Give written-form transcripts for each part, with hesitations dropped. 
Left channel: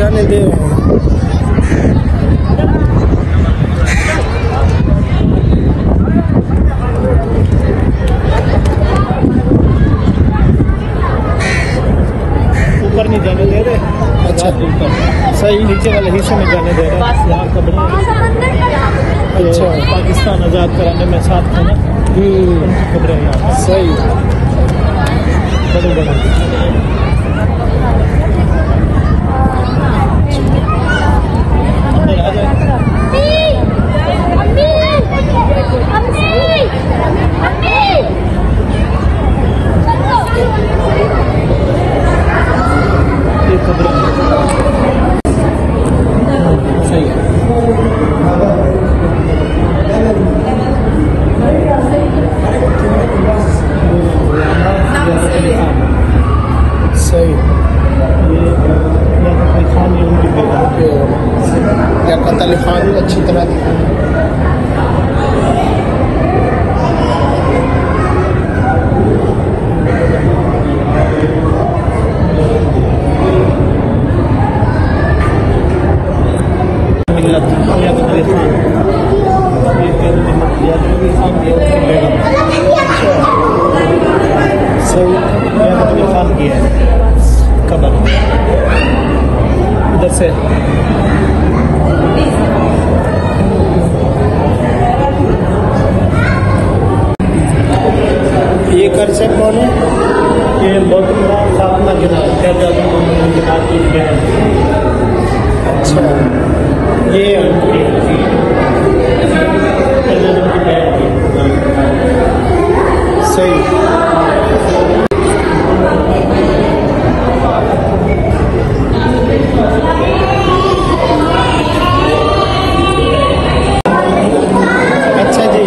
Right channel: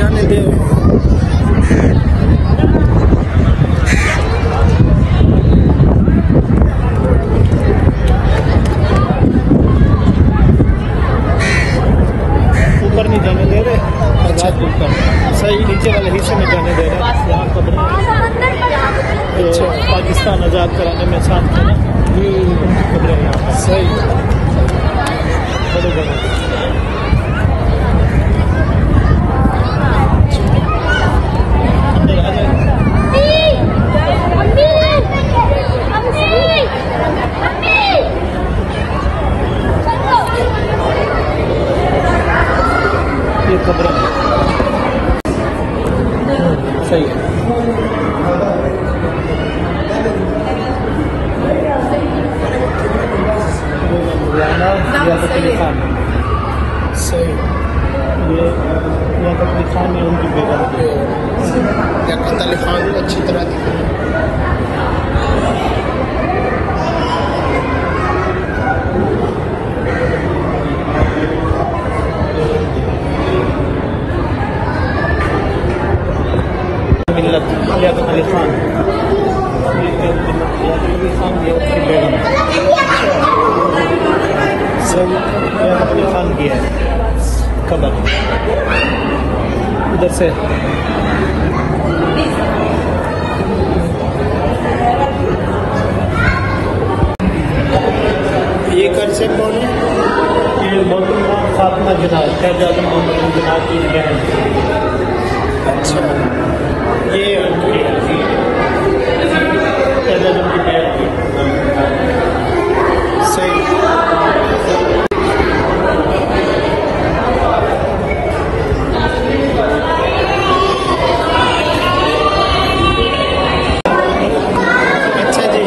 जाने दे। ऊपर नहीं जाने दे रहे। अच्छा सही, नीचे वाले विषय में जाने दे रहे। यहाँ कदमों अच्छा पाकिस्तान आज़ाद कराने में साथ थे ना। सही बड़े बड़े अंदर आ जाए। सही सही या कतल खान अच्छी तरह दिखा। इधर से ये कर से कौन है? ये बहुत फातिमा के बाद अच्छा ये सही अच्छा जी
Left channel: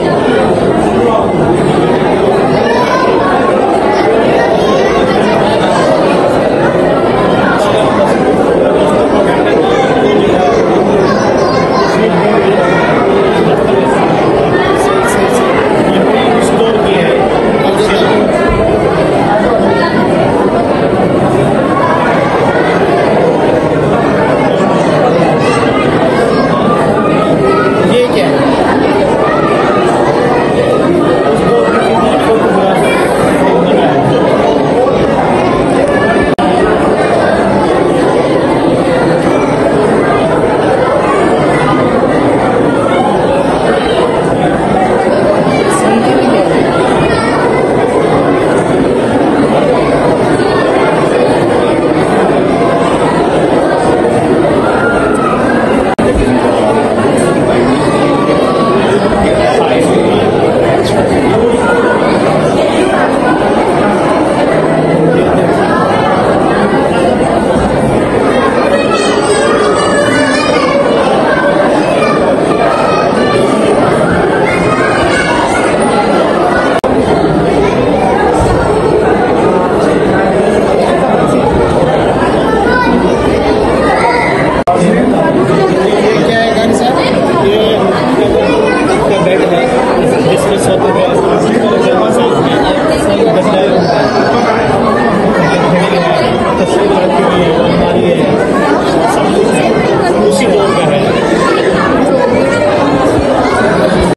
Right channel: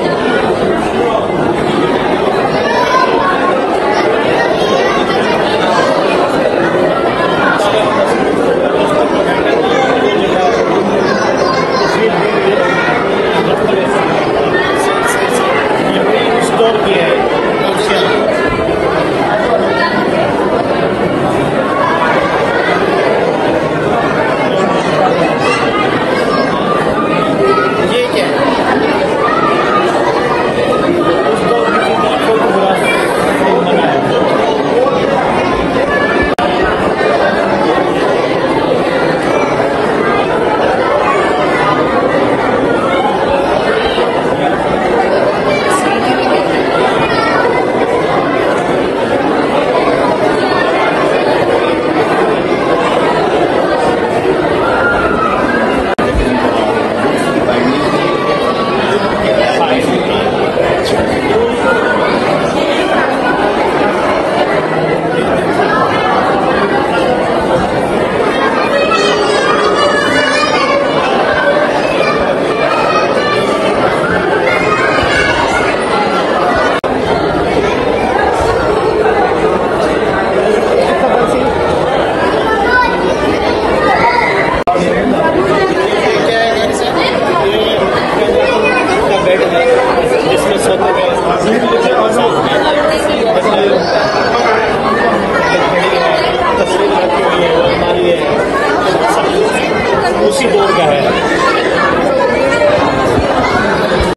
जिसमें सब